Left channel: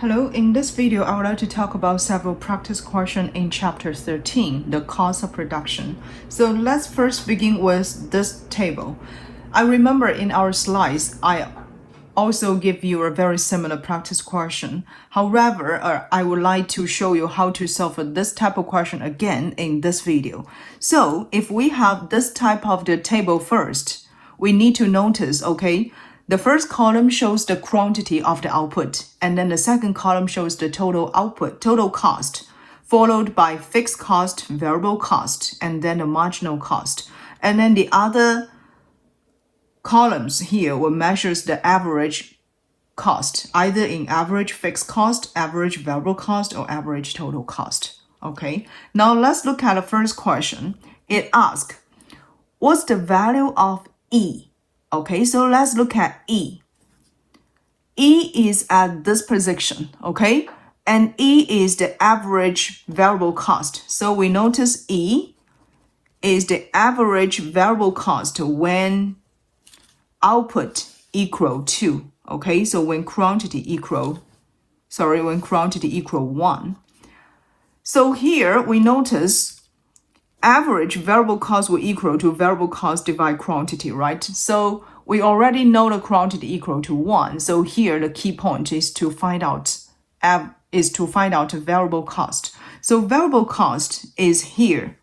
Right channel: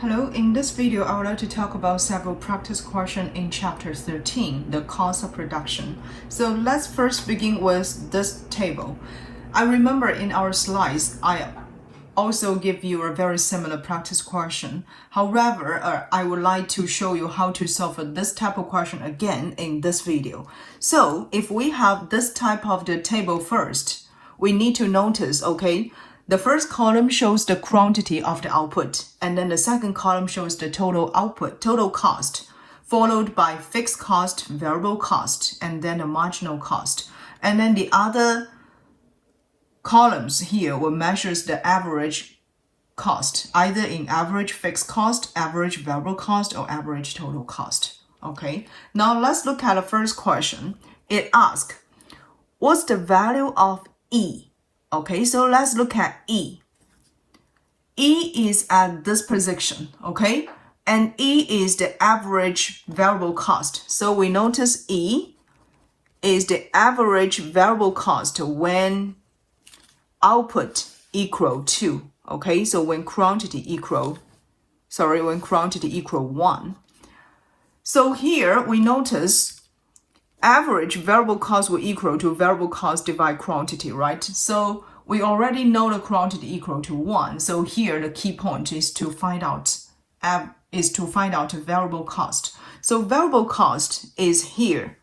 Hello, in this video, I would like to talk about several practice questions in Chapter 13, the cost of production. So let's first begin with this table. I remember in our slides, I also give you a very similar practice question. However, I would like to show you how to solve this type of question again in this video. So if we have this type of the table first, we need to notice, okay, the first column shows the quantity of the output, and then the second column shows the total output, total cost, followed by fixed cost, variable cost, and then the marginal cost. And then the other columns here will measure the average cost, either in average fixed cost, average variable cost, or average total cost. Okay, now let's look at the first question. It asks, what's the value of E? Okay, so let's look at E. E is at this position, okay? And E is the average variable cost. So we notice E is the average variable cost when output equal to, okay? So when quantity equal 1. So here we notice average variable cost will equal to variable cost divide quantity, right? So we already know the quantity equal to 1. So here the key point is to find out variable cost. So variable cost is here,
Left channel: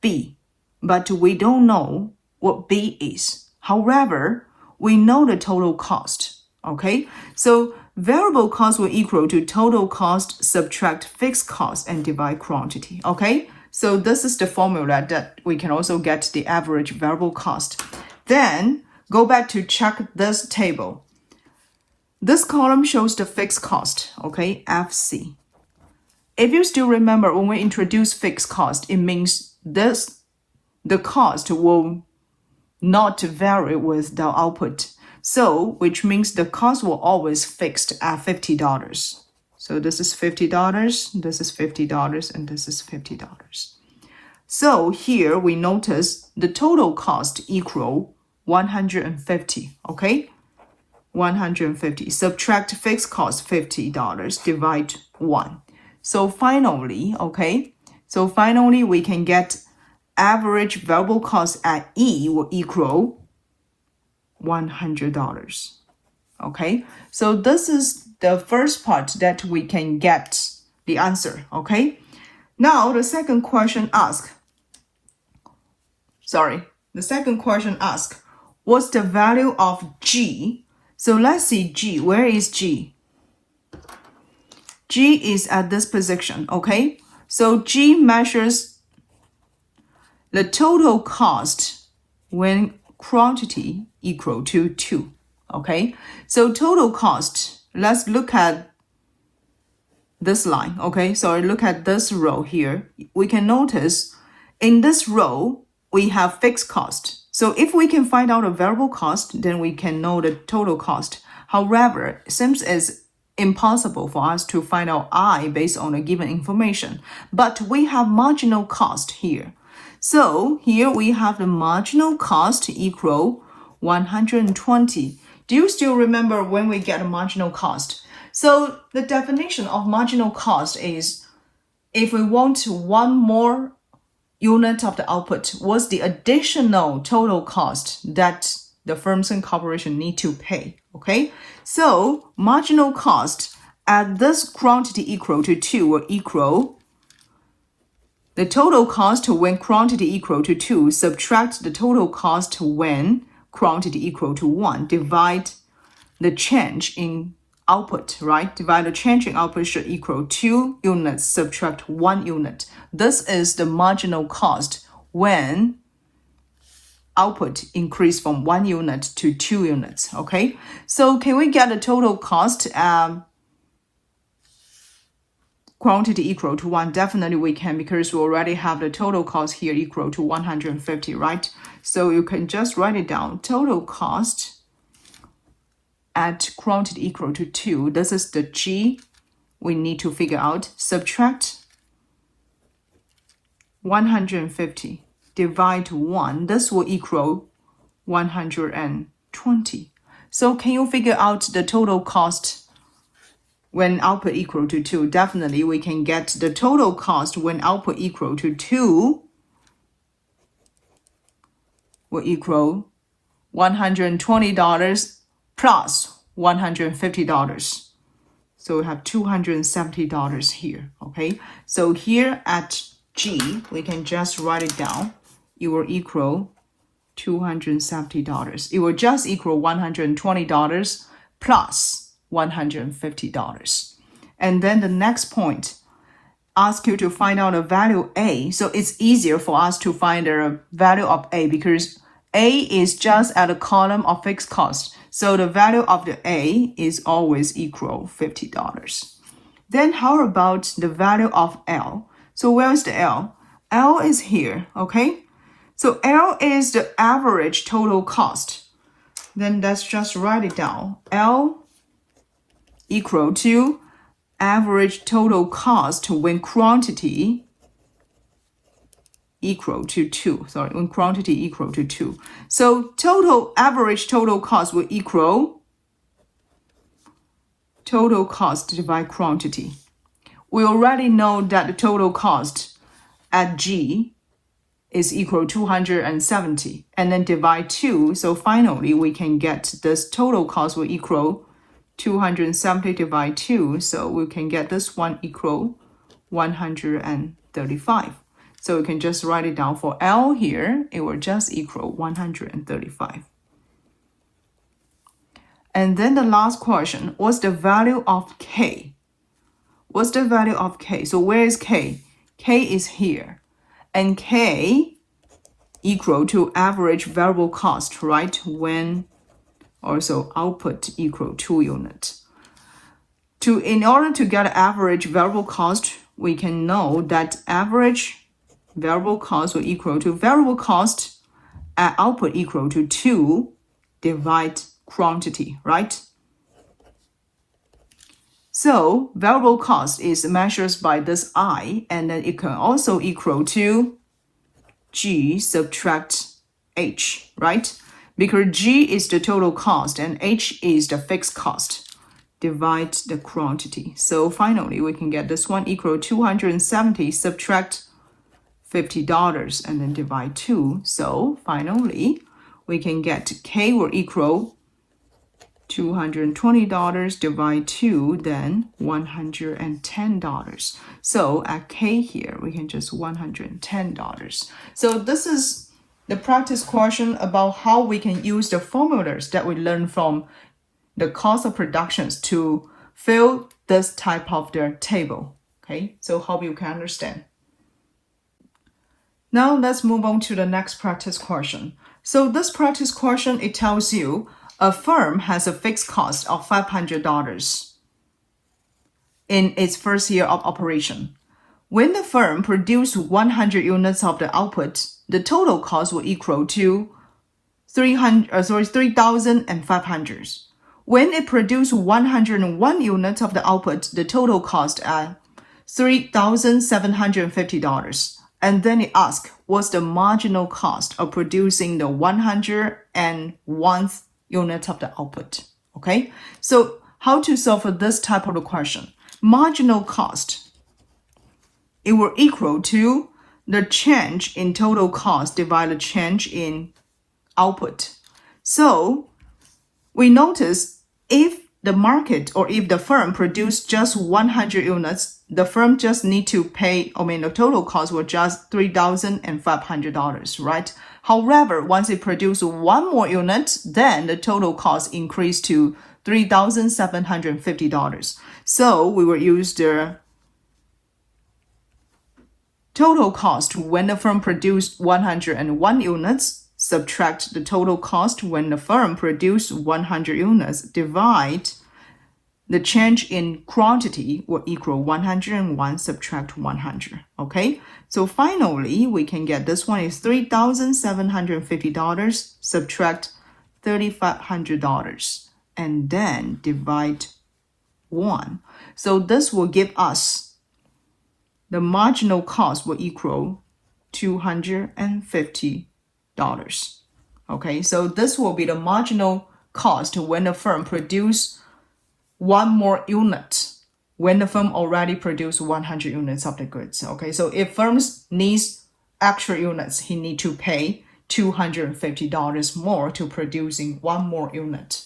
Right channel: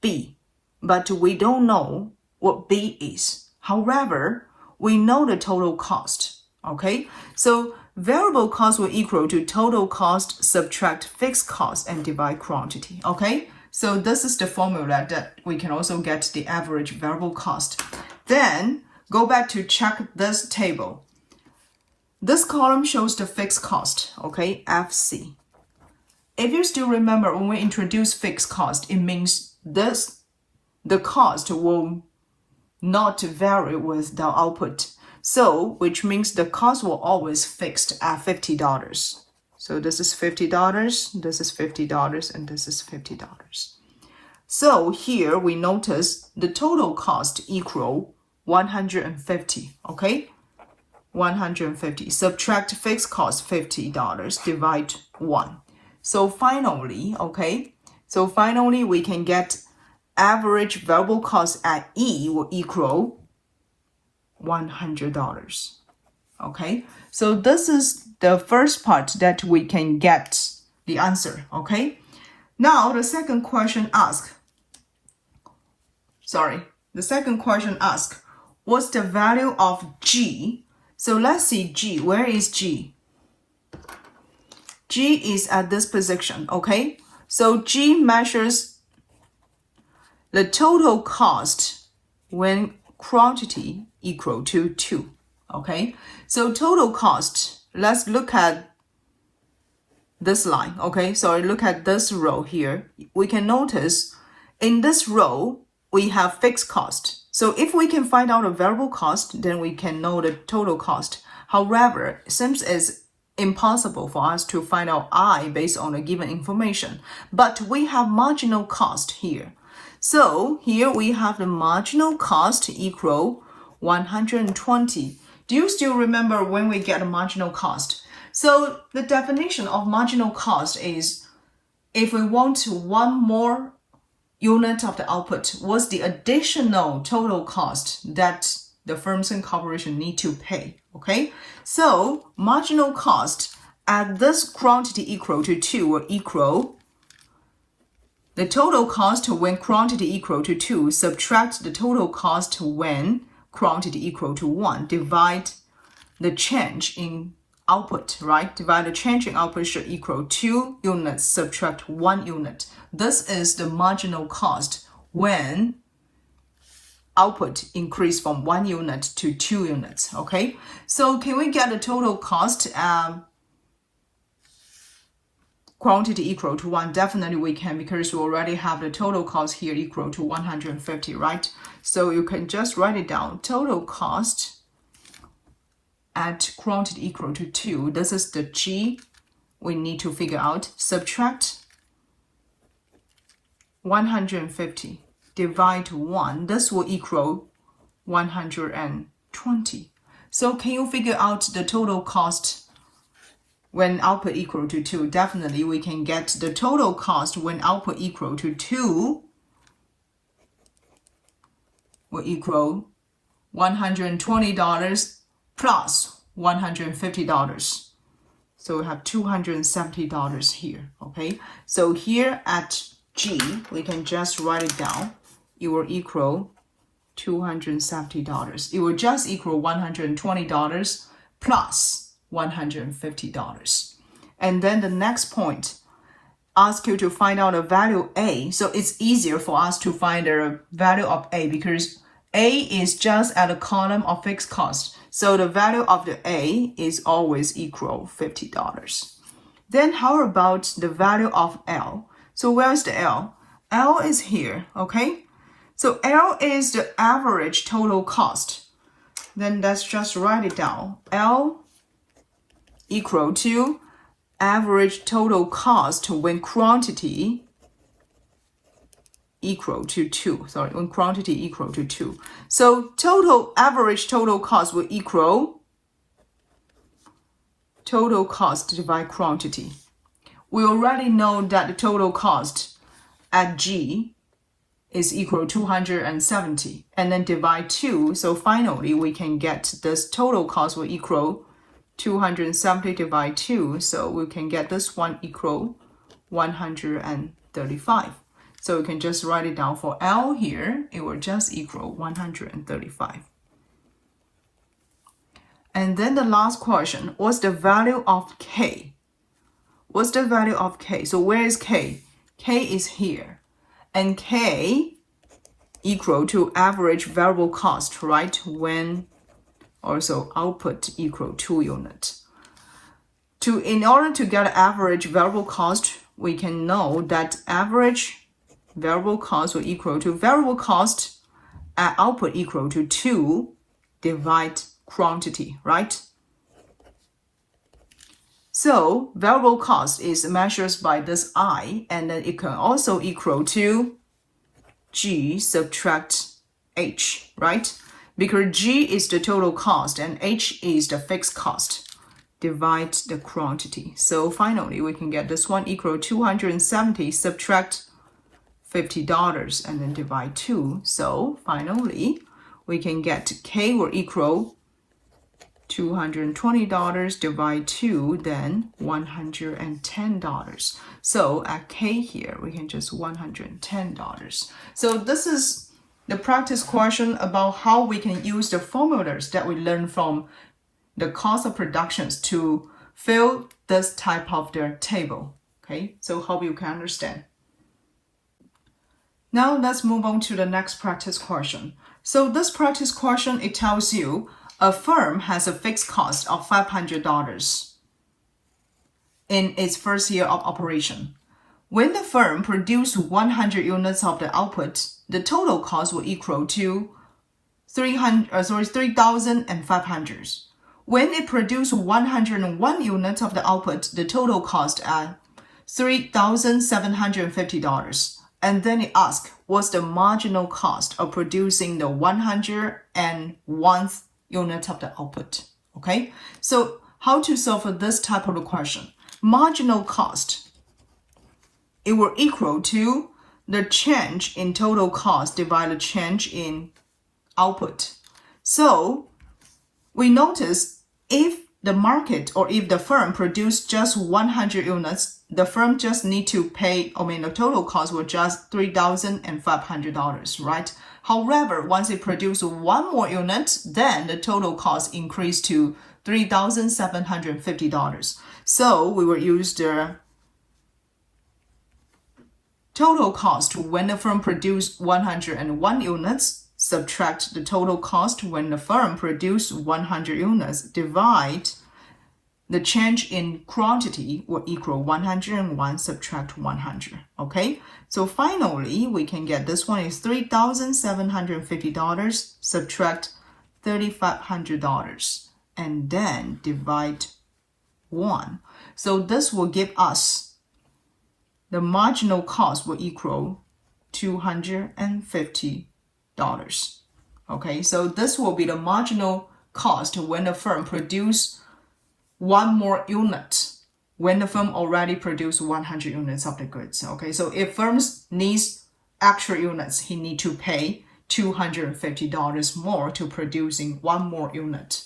B, but we don't know what B is. However, we know the total cost, okay? So variable cost will equal to total cost subtract fixed cost and divide quantity, okay? So this is the formula that we can also get the average variable cost. Then go back to check this table. This column shows the fixed cost, okay, FC. If you still remember when we introduce fixed cost, it means the cost will not vary with the output. So, which means the cost will always fixed at $50. So this is $50, this is $50, and this is $50. So here we notice the total cost equal 150, okay? 150. Subtract fixed cost $50, divide 1. So finally, okay? So finally we can get average variable cost at E will equal $100, okay? So this is the first part that we can get the answer, okay? Now the second question asks, what's the value of G? So let's see G, where is G? G is at this position, okay? So G measures the total cost when quantity equal to 2, okay? So total cost, let's look at this line, okay? So look at this row here. We can notice in this row, we have fixed cost. So if we can find out a variable cost, then we can know the total cost. However, it seems as impossible for us to find out I based on the given information. But we have marginal cost here. So here we have the marginal cost equal 120. Do you still remember when we get a marginal cost? So the definition of marginal cost is if we want one more unit of the output, what's the additional total cost that the firms and corporation need to pay, okay? So marginal cost at this quantity equal to 2 will equal the total cost when quantity equal to 2, subtract the total cost when quantity equal to 1, divide the change in output, right? Divide the change in output should equal 2 units, subtract 1 unit. This is the marginal cost when output increase from 1 unit to 2 units, okay? So can we get the total cost quantity equal to 1? Definitely we can, because we already have the total cost here equal to 150, right? So you can just write it down. Total cost at quantity equal to 2, this is the G we need to figure out. Subtract 150, divide 1, this will equal 120. So can you figure out the total cost when output equal to 2, definitely we can get the total cost when output equal to 2 will equal $120 plus $150. So we have $270 here, okay? So here at G, we can just write it down. It will equal $270. It will just equal $120 plus $150. And then the next point, ask you to find out the value A. So it's easier for us to find the value of A because A is just at a column of fixed cost. So the value of the A is always equal $50. Then how about the value of L? So where's the L? L is here, okay? So L is the average total cost. Then let's just write it down. L equal to average total cost when quantity equal to 2. When quantity equal to 2. So average total cost will equal total cost divided quantity. We already know that the total cost at G is equal to 270 and then divide 2. So finally we can get this total cost will equal 270 divided 2. So we can get this one equal 135. So we can just write it down for L here. It will just equal 135. And then the last question, what's the value of K? What's the value of K? So where is K? K is here. And K equal to average variable cost, right? When also output equal 2 units. In order to get average variable cost, we can know that average variable cost will equal to variable cost at output equal to 2 divide quantity, right? So variable cost is measured by this I, and then it can also equal to G subtract H, right? Because G is the total cost and H is the fixed cost. Divide the quantity. So finally, we can get this one equal 270 subtract $50 and then divide 2. So finally, we can get K will equal $220 divide 2, then $110. So at K here, we can just $110. So this is the practice question about how we can use the formulas that we learned from the cost of productions to fill this type of the table. Okay, so hope you can understand. Now let's move on to the next practice question. So this practice question, it tells you a firm has a fixed cost of $500 in its first year of operation. When the firm produces 100 units of the output, the total cost will equal to $3,500. When it produces 101 units of the output, the total cost at $3,750. And then it asks, what's the marginal cost of producing the 101th unit of the output? Okay, so how to solve for this type of a question? Marginal cost, it will equal to the change in total cost divided change in output. So we notice if the market or if the firm produce just 100 units, the firm just need to pay, the total cost will just $3,500, right? However, once it produces one more unit, then the total cost increase to $3,750. So we will use the total cost when the firm produced 101 units, subtract the total cost when the firm produced 100 units, divide the change in quantity will equal 101 subtract 100. Okay, so finally we can get this one is $3,750 subtract $3,500 and then divide 1. So this will give us the marginal cost will equal $250. Okay, so this will be the marginal cost when the firm produce one more unit when the firm already produced 100 units of the goods. Okay, so if firms needs extra units, he need to pay $250 more to producing one more unit.